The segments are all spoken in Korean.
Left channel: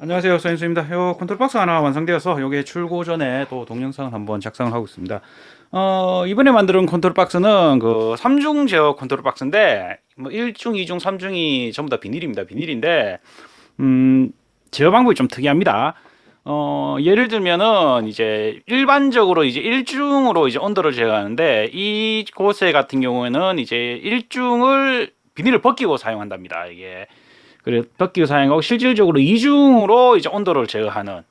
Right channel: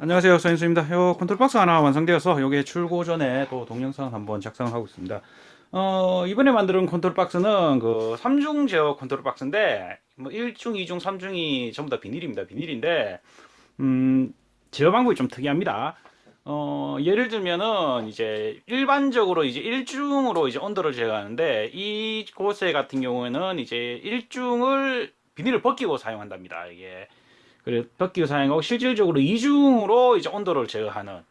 안녕하세요, 서인수입니다. 요 컨트롤 박스 하나 완성되어서 요게 출고 전에 또 동영상 한번 작성하고 있습니다. 이번에 만든 컨트롤 박스는 그 3중 제어 컨트롤 박스인데 뭐 1중, 2중, 3중이 전부 다 비닐입니다. 비닐인데 음, 제어 방법이 좀 특이합니다. 예를 들면은 이제 일반적으로 이제 1중으로 이제 온도를 제어하는데 이곳에 같은 경우에는 이제 1중을 비닐을 벗기고 사용한답니다. 이게 그래 덕기를 사용하고 실질적으로 이중으로 이제 온도를 제어하는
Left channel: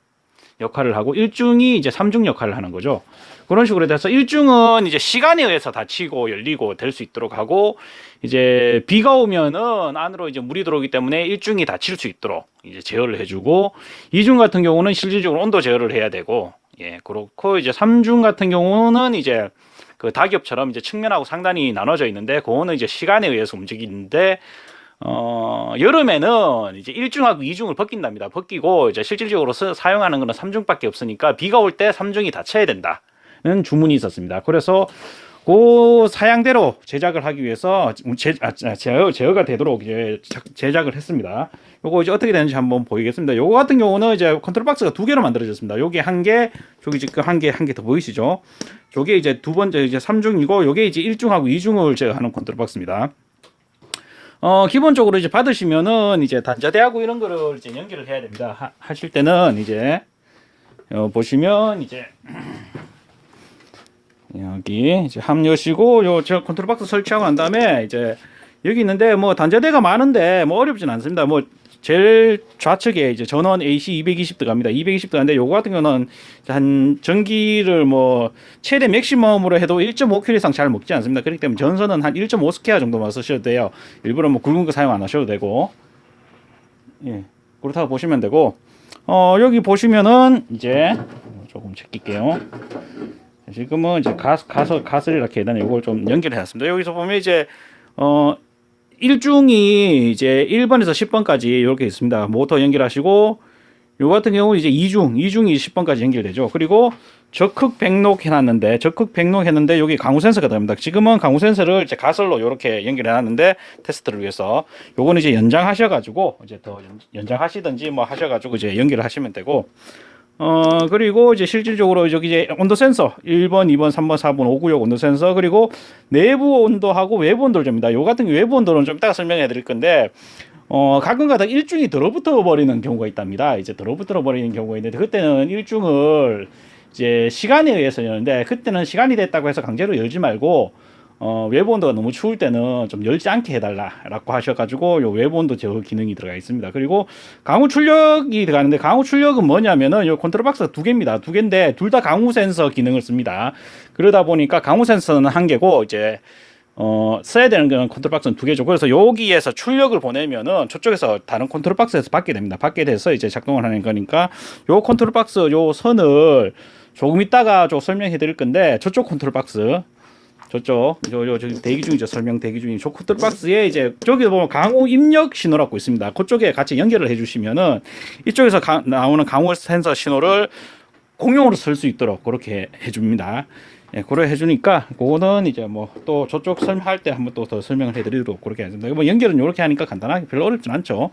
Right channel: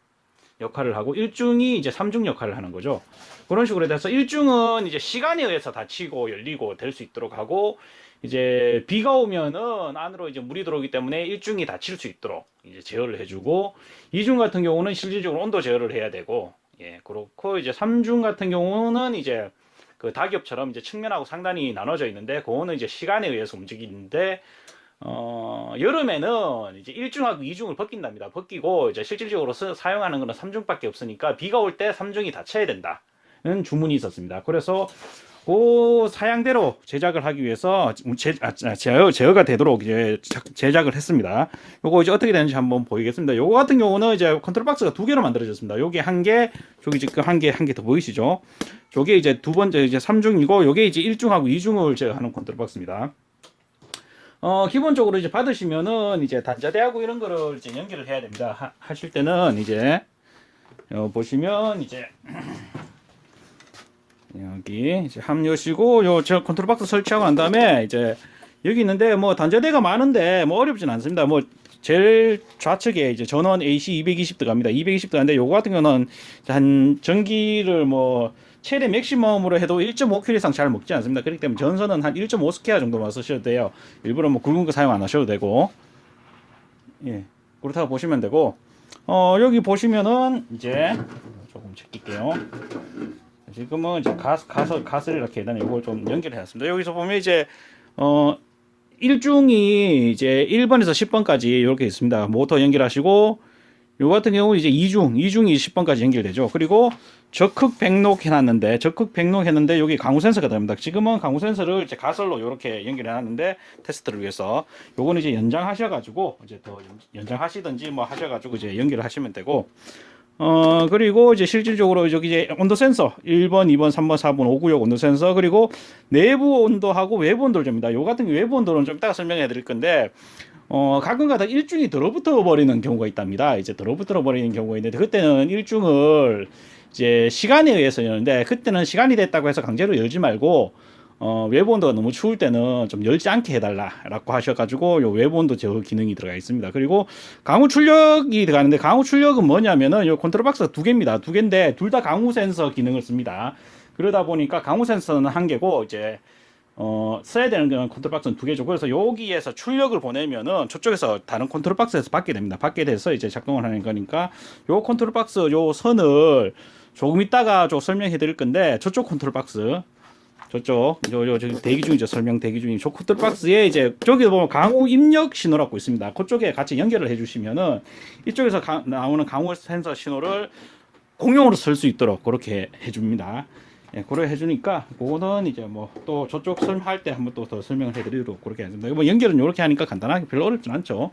역할을 하고 일중이 이제 삼중 역할을 하는 거죠. 그런 식으로 돼서 일중은 이제 시간에 의해서 닫히고 열리고 될 수 있도록 하고 이제 비가 오면은 안으로 이제 물이 들어오기 때문에 일중이 닫힐 수 있도록 이제 제어를 해주고 이중 같은 경우는 실질적으로 온도 제어를 해야 되고 예 그렇고 이제 삼중 같은 경우는 이제 그 다기업처럼 이제 측면하고 상단이 나눠져 있는데 그거는 이제 시간에 의해서 움직이는데 여름에는 이제 1중하고 2중을 벗긴답니다. 벗기고 이제 실질적으로 사용하는 거는 3중밖에 없으니까 비가 올 때 3중이 닫혀야 된다는 주문이 있었습니다. 그래서 그 사양대로 제작을 하기 위해서 제어가 되도록 이제 제작을 했습니다. 요거 이제 어떻게 되는지 한번 보이겠습니다. 요거 같은 경우는 이제 컨트롤 박스가 두 개로 만들어졌습니다. 여기 한 개, 저기 지금 한 개 더 보이시죠? 저게 이제 두 번째 이제 3중이고 요게 이제 1중하고 2중을 제어하는 컨트롤 박스입니다. 기본적으로 이제 받으시면은 이제 단자대하고 이런 거를 이제 연결을 해야 됩니다. 하실 때는 이제 보시면 이제 여기 이제 합류시고 요 저 컨트롤 박스 설치하고 난 다음에 이제 여기 있는데 뭐 단자대가 많은데 뭐 어렵진 않습니다. 뭐 제일 좌측에 이제 전원 AC 220 들어갑니다. 220 들어가는데 요거 같은 경우는 한 전기를 뭐 최대 맥시멈으로 해도 1.5kW 이상 잘 먹지 않습니다. 그렇기 때문에 전선은 한 1.5스퀘어 정도만 쓰셔도 돼요. 일부러 뭐 굵은 거 사용 안 하셔도 되고 예 그렇다고 보시면 되고 여기 보시면은 이제 조금 제낄게요. 지금은 이제 가스를 이렇게 일단 이걸 좀 연결해 놨습니다. 여기서 보면 이제 어 1중이 이제 1번에서 10번까지 이렇게 있습니다. 모터 연결하시고 요 같은 경우 이제 2중이 10번까지 연결되죠. 그리고 적극 백록 해놨는데 여기 강우 센서가 들어갑니다. 지금은 강우 센서를 이제 가설로 이렇게 연결해 놨는데 테스트를 위해서 요거는 이제 연장하셔가지고 이제 더 연장하시든지 뭐 하셔가지고 이제 연결을 하시면 되고 그리고 이제 실질적으로 여기 이제 온도 센서 1번, 2번, 3번, 4번, 5구역 온도 센서 그리고 내부 온도하고 외부 온도를 줍니다. 요 같은 외부 온도는 좀 이따가 설명해 드릴 건데 가끔가다 일중이 들어붙어 버리는 경우가 있답니다. 이제 들어붙어 버리는 경우가 있는데 그때는 일중을 이제 시간에 의해서 여는데 그때는 시간이 됐다고 해서 강제로 열지 말고 외부 온도가 너무 추울 때는 좀 열지 않게 해달라라고 하셔가지고 요 외부 온도 제어 기능이 들어가 있습니다. 그리고 강우 출력이 들어가는데 강우 출력은 뭐냐면은 요 컨트롤 박스가 두 개입니다. 두 개인데 둘 다 강우 센서 기능을 씁니다. 그러다 보니까 강우 센서는 한 개고 이제 써야 되는 건 컨트롤 박스는 두 개죠. 그래서 여기에서 출력을 보내면은 저쪽에서 다른 컨트롤 박스에서 받게 됩니다. 받게 돼서 이제 작동을 하는 거니까 요 컨트롤 박스 요 선을 조금 있다가 좀 설명해 드릴 건데 저쪽 컨트롤 박스 저쪽 지금 대기 중이죠. 설명 대기 중인 저 컨트롤 박스에 이제 저기 보면 강우 입력 신호라고 있습니다. 그쪽에 같이 연결을 해주시면은 이쪽에서 나오는 강우 센서 신호를 공용으로 쓸 수 있도록 그렇게 해줍니다. 예, 그래 해주니까 그거는 이제 뭐 또 저쪽 설명할 때 한번 또 더 설명을 해드리도록 그렇게 하겠습니다. 뭐 연결은 이렇게 하니까 간단하게 별로 어렵진 않죠.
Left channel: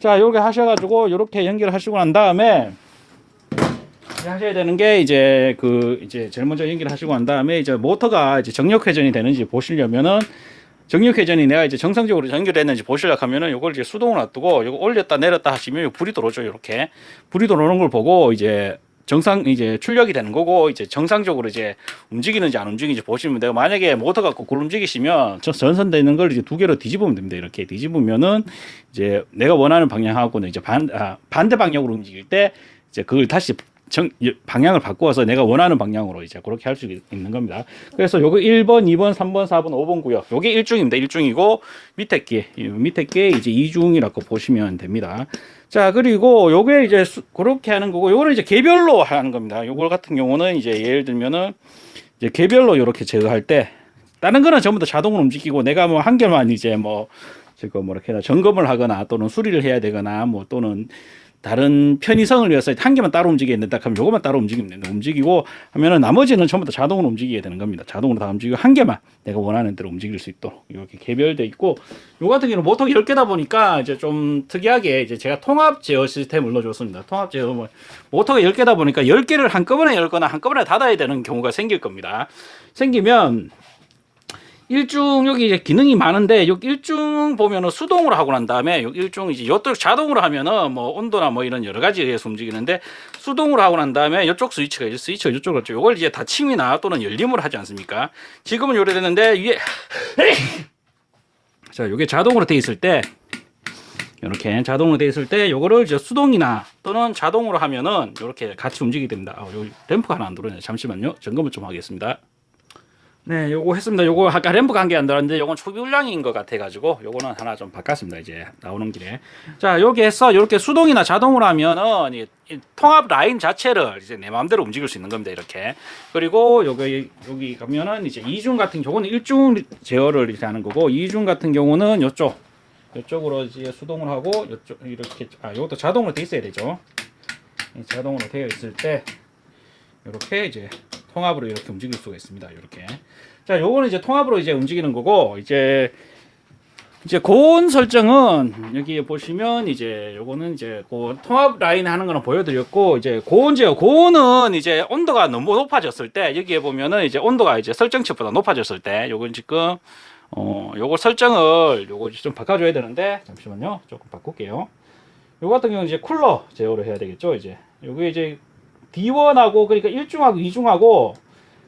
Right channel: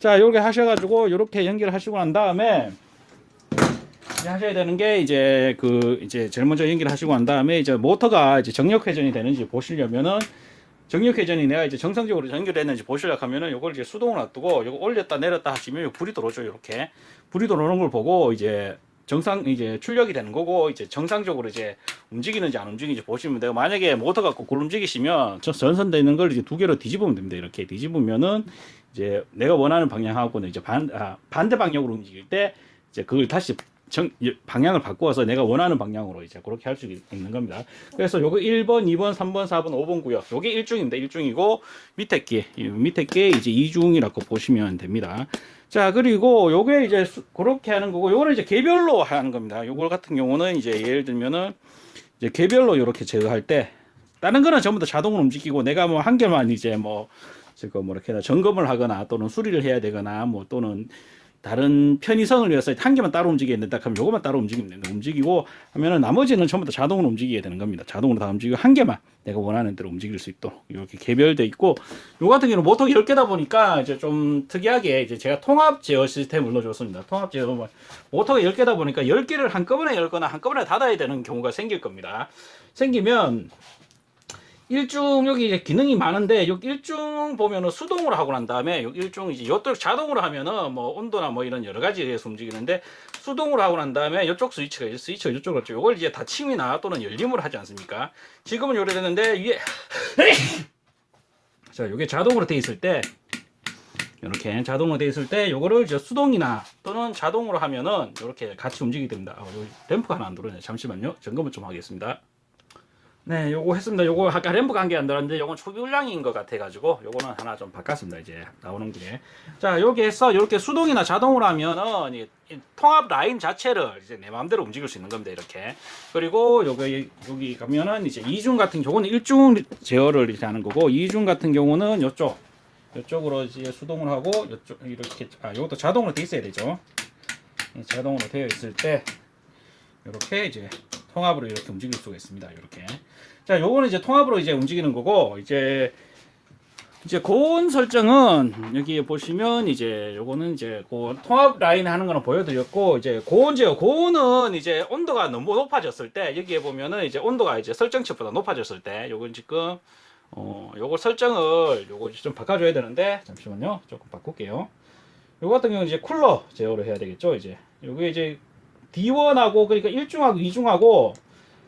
자, 이렇게 하셔가지고 이렇게 연결하시고 난 다음에 하셔야 되는 게 이제 이제 제일 먼저 연결하시고 난 다음에 이제 모터가 이제 정력 회전이 되는지 보시려면은 정력 회전이 내가 이제 정상적으로 연결됐는지 보시려고 하면은 요걸 이제 수동으로 놔두고 요거 올렸다 내렸다 하시면 불이 들어오죠. 이렇게 불이 들어오는 걸 보고 이제 이제 출력이 되는 거고 이제 정상적으로 이제 움직이는지 안 움직이는지 보시면 돼요. 만약에 모터가 거꾸로 움직이시면 전선되는 걸 이제 두 개로 뒤집으면 됩니다. 이렇게 뒤집으면은 이제 내가 원하는 방향하고는 이제 반대 방향으로 움직일 때 이제 그걸 다시 방향을 바꾸어서 내가 원하는 방향으로 이제 그렇게 할 수 있는 겁니다. 그래서 요거 1번, 2번, 3번, 4번, 5번 구역. 요게 1중입니다. 1중이고 밑에 게 이제 2중이라고 보시면 됩니다. 자, 그리고 요게 이제 그렇게 하는 거고 요거를 이제 개별로 하는 겁니다. 요거 같은 경우는 이제 예를 들면은 이제 개별로 이렇게 제어할 때 다른 거는 전부 다 자동으로 움직이고 내가 뭐 한 개만 이제 뭐 지금 뭐 이렇게 점검을 하거나 또는 수리를 해야 되거나 뭐 또는 다른 편의성을 위해서 한 개만 따로 움직여야 된다 그럼 요거만 따로 움직이면 된다. 움직이고 하면은 나머지는 전부 다 자동으로 움직이게 되는 겁니다. 자동으로 다 움직이고 한 개만 내가 원하는 대로 움직일 수 있도록 이렇게 개별돼 있고, 요 같은 경우는 모터가 10개다 보니까 이제 좀 특이하게 이제 제가 통합 제어 시스템을 넣어줬습니다. 통합 제어 모터가 10개다 보니까 10개를 한꺼번에 열거나 한꺼번에 닫아야 되는 경우가 생길 겁니다. 생기면 일중 여기 이제 기능이 많은데 여기 일중 보면은 수동으로 하고 난 다음에 여기 일중 이제 이쪽 자동으로 하면은 뭐 온도나 뭐 이런 여러 가지에 의해서 움직이는데, 수동으로 하고 난 다음에 이쪽 스위치가 이제 스위치가 이쪽으로 있죠. 요걸 이제 닫힘이나 또는 열림으로 하지 않습니까? 지금은 요래 됐는데 위에 자, 요게 자동으로 돼 있을 때 이렇게 자동으로 돼 있을 때 요거를 이제 수동이나 또는 자동으로 하면은 이렇게 같이 움직이게 됩니다. 요 램프가 하나 안 들어오네. 잠시만요. 점검을 좀 하겠습니다. 네, 요거 했습니다. 요거 아까 램프가 한 개 안 들어왔는데 요건 초기울량인 것 같아가지고 요거는 하나 좀 바꿨습니다. 이제 나오는 길에. 자, 여기 해서 이렇게 수동이나 자동으로 하면은 이 통합 라인 자체를 이제 내 마음대로 움직일 수 있는 겁니다. 이렇게. 그리고 여기 가면은 이제 이중 같은 경우는 일중 제어를 이렇게 하는 거고, 이중 같은 경우는 요쪽으로 이제 수동을 하고 요쪽 이렇게 요것도 자동으로 돼 있어야 되죠. 자동으로 되어 있을 때 이렇게 이제 통합으로 이렇게 움직일 수가 있습니다. 이렇게. 자, 요거는 이제 통합으로 이제 움직이는 거고, 이제 고온 설정은 여기 보시면 이제 요거는 이제 통합 라인 하는 거는 보여드렸고, 이제 고온 제어, 고온은 이제 온도가 너무 높아졌을 때 여기에 보면은 이제 온도가 이제 설정치보다 높아졌을 때 요건 지금 요거 설정을 요거 좀 바꿔줘야 되는데, 잠시만요. 조금 바꿀게요. 요거 같은 경우는 이제 쿨러 제어를 해야 되겠죠. 이제 요게 이제 D1하고 그러니까 1중하고 2중하고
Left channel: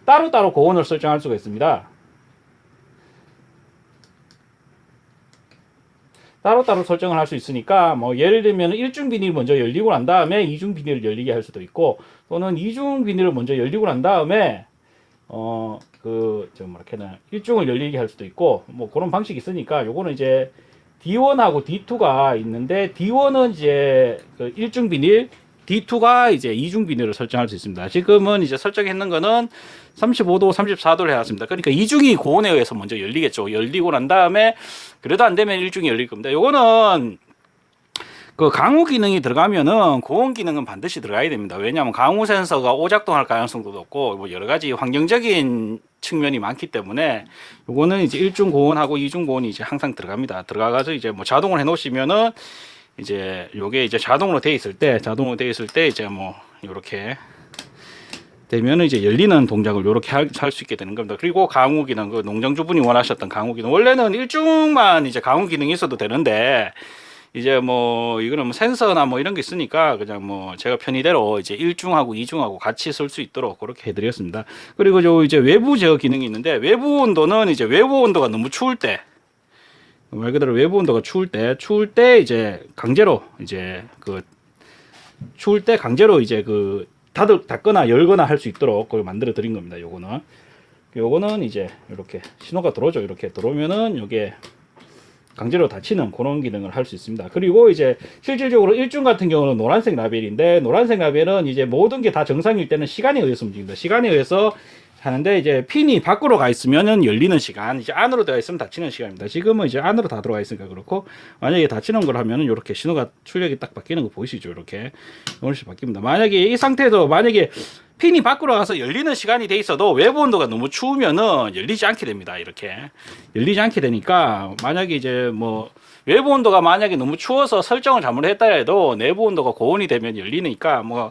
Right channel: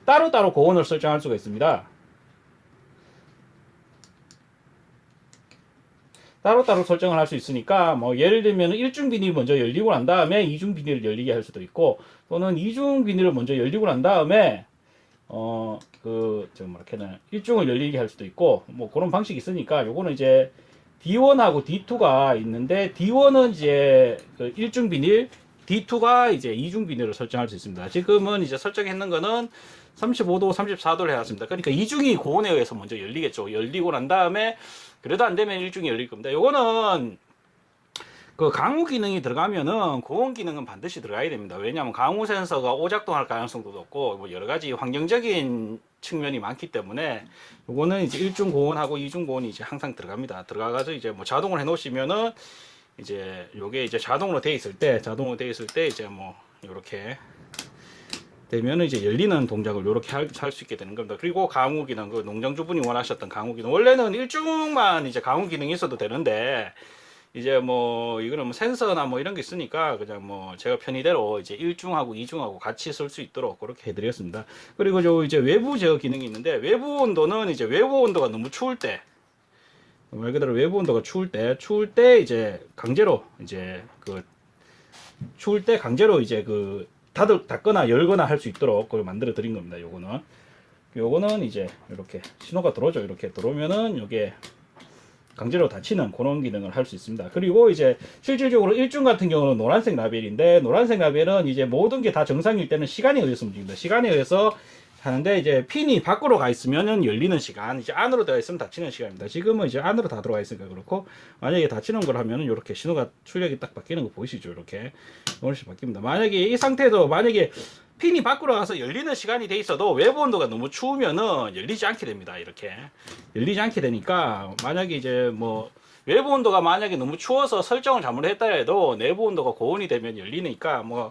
따로따로 고온을 설정할 수가 있습니다. 따로따로 설정을 할 수 있으니까 뭐 예를 들면 1중 비닐을 먼저 열리고 난 다음에 2중 비닐을 열리게 할 수도 있고, 또는 2중 비닐을 먼저 열리고 난 다음에 좀 이렇게는 1중을 열리게 할 수도 있고, 뭐 그런 방식이 있으니까 요거는 이제 D1하고 D2가 있는데, D1은 이제 그 1중 비닐, D2가 이제 2중 비닐을 설정할 수 있습니다. 지금은 이제 설정했는 거는 35도, 34도를 해놨습니다. 그러니까 2중이 고온에 의해서 먼저 열리겠죠. 열리고 난 다음에 그래도 안 되면 1중이 열릴 겁니다. 요거는 그 강우 기능이 들어가면은 고온 기능은 반드시 들어가야 됩니다. 왜냐하면 강우 센서가 오작동할 가능성도 높고 뭐 여러 가지 환경적인 측면이 많기 때문에 요거는 이제 1중 고온하고 2중 고온이 이제 항상 들어갑니다. 들어가서 이제 뭐 자동을 해 놓으시면은 이제 요게 이제 자동으로 돼 있을 때 이제 뭐 요렇게 되면은 이제 열리는 동작을 요렇게 할 수 있게 되는 겁니다. 그리고 강우 기능, 그 농장주분이 원하셨던 강우 기능, 원래는 1중만 이제 강우 기능이 있어도 되는데, 이제 뭐 이거는 뭐 센서나 뭐 이런 게 있으니까 그냥 뭐 제가 편의대로 이제 1중하고 2중하고 같이 쓸 수 있도록 그렇게 해드렸습니다. 그리고 저 이제 외부 제어 기능이 있는데, 외부 온도는 이제 외부 온도가 너무 추울 때, 말 그대로 외부 온도가 추울 때 이제 강제로 이제 추울 때 강제로 이제 닫거나 열거나 할 수 있도록 그걸 만들어 드린 겁니다. 요거는 이제 이렇게 신호가 들어오죠. 이렇게 들어오면은 요게 강제로 닫히는 그런 기능을 할 수 있습니다. 그리고 이제 실질적으로 1중 같은 경우는 노란색 라벨인데, 노란색 라벨은 이제 모든 게 다 정상일 때는 시간에 의해서 움직입니다. 시간에 의해서 하는데, 이제 핀이 밖으로 가 있으면은 열리는 시간, 이제 안으로 들어가 있으면 닫히는 시간입니다. 지금은 이제 안으로 다 들어가 있으니까 그렇고, 만약에 닫히는 걸 하면은 이렇게 신호가 출력이 딱 바뀌는 거 보이시죠? 이렇게 이런 식으로 바뀝니다. 만약에 이 상태에서 만약에 핀이 밖으로 가서 열리는 시간이 돼 있어도 외부 온도가 너무 추우면은 열리지 않게 됩니다. 이렇게 열리지 않게 되니까, 만약에 이제 뭐 외부 온도가 만약에 너무 추워서 설정을 잘못했다 해도 내부 온도가 고온이 되면 열리니까, 뭐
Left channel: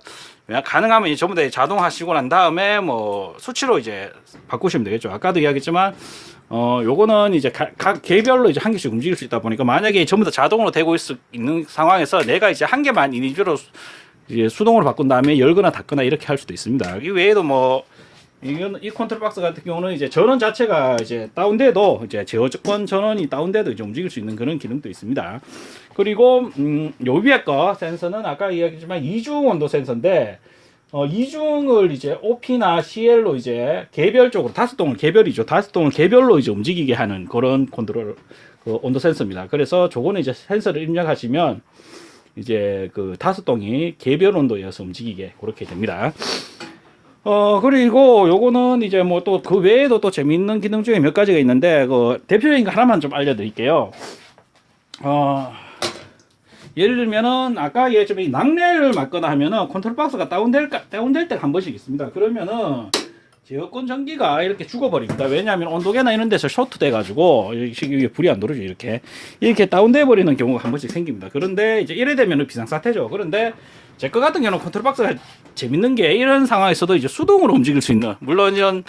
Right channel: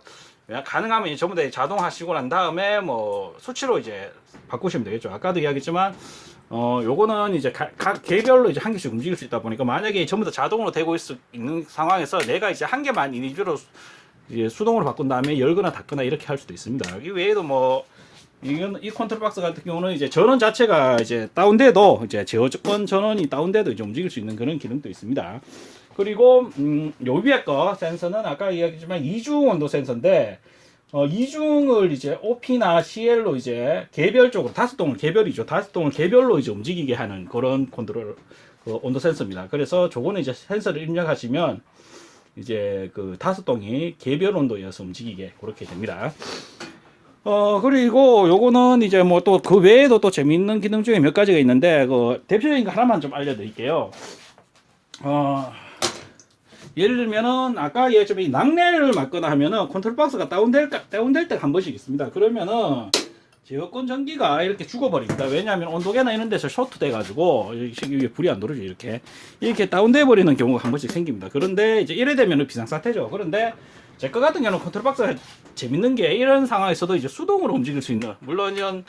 가능하면 이제 전부 다 자동하시고 난 다음에 뭐 수치로 이제 바꾸시면 되겠죠. 아까도 이야기했지만 요거는 이제 각 개별로 이제 한 개씩 움직일 수 있다 보니까, 만약에 전부 다 자동으로 되고 있는 상황에서 내가 이제 한 개만 인위적으로 이제 수동으로 바꾼 다음에 열거나 닫거나 이렇게 할 수도 있습니다. 이 외에도 뭐 이 컨트롤 박스 같은 경우는 이제 전원 자체가 이제 다운돼도, 이제 제어권 전원이 다운돼도 이제 움직일 수 있는 그런 기능도 있습니다. 그리고 요 위에 거 센서는 아까 이야기했지만 2중 온도 센서인데, 2중을 이제 OP나 CL로 이제 개별적으로, 다섯동을 개별이죠. 다섯동을 개별로 이제 움직이게 하는 그런 컨트롤 온도 센서입니다. 그래서 저거는 이제 센서를 입력하시면 이제 다섯동이 개별 온도에서 움직이게 그렇게 됩니다. 그리고 요거는 이제 뭐 또 그 외에도 또 재미있는 기능 중에 몇 가지가 있는데, 대표적인 거 하나만 좀 알려드릴게요. 예를 들면은 아까 예전에 낙뢰를 맞거나 하면은 컨트롤 박스가 다운될 때가 한 번씩 있습니다. 그러면은 제어권 전기가 이렇게 죽어버립니다. 왜냐하면 온도계나 이런 데서 쇼트 돼가지고 이게 불이 안 들어오죠. 이렇게 다운돼 버리는 경우가 한 번씩 생깁니다. 그런데 이제 이래 되면은 비상사태죠. 그런데 제 거 같은 경우는 컨트롤 박스가 재밌는 게 이런 상황에서도 이제 수동으로 움직일 수 있는, 물론 이런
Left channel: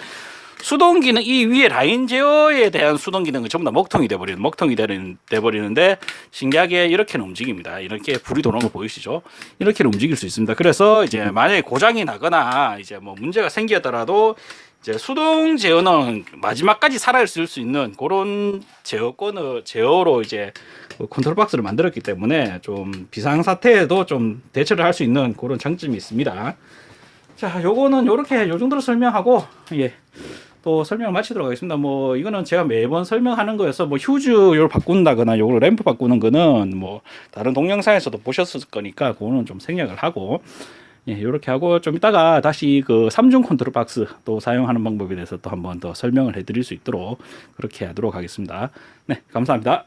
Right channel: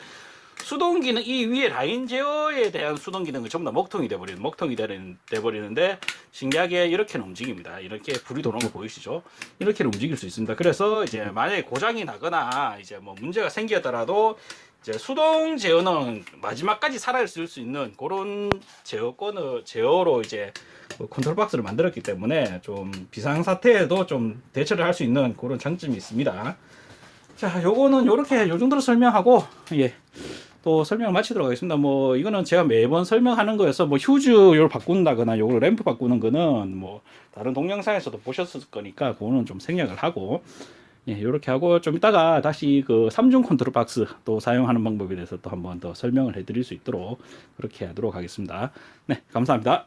수동 기능, 이 위에 라인 제어에 대한 수동 기능은 전부 다 먹통이 돼버리는데 신기하게 이렇게는 움직입니다. 이렇게 불이 들어오는 거 보이시죠? 이렇게는 움직일 수 있습니다. 그래서 이제 만약에 고장이 나거나 이제 뭐 문제가 생기더라도 이제 수동 제어는 마지막까지 살아있을 수 있는 그런 제어로 이제 컨트롤 박스를 만들었기 때문에 좀 비상 사태에도 좀 대처를 할 수 있는 그런 장점이 있습니다. 자, 요거는 요렇게 요 정도로 설명하고, 예, 또 설명을 마치도록 하겠습니다. 뭐 이거는 제가 매번 설명하는 거여서 뭐 휴즈 요를 바꾼다거나 요걸 램프 바꾸는 거는 뭐 다른 동영상에서도 보셨을 거니까 그거는 좀 생략을 하고, 예, 요렇게 하고 좀 이따가 다시 그 3중 컨트롤 박스 또 사용하는 방법에 대해서 또 한번 더 설명을 해 드릴 수 있도록 그렇게 하도록 하겠습니다. 네, 감사합니다.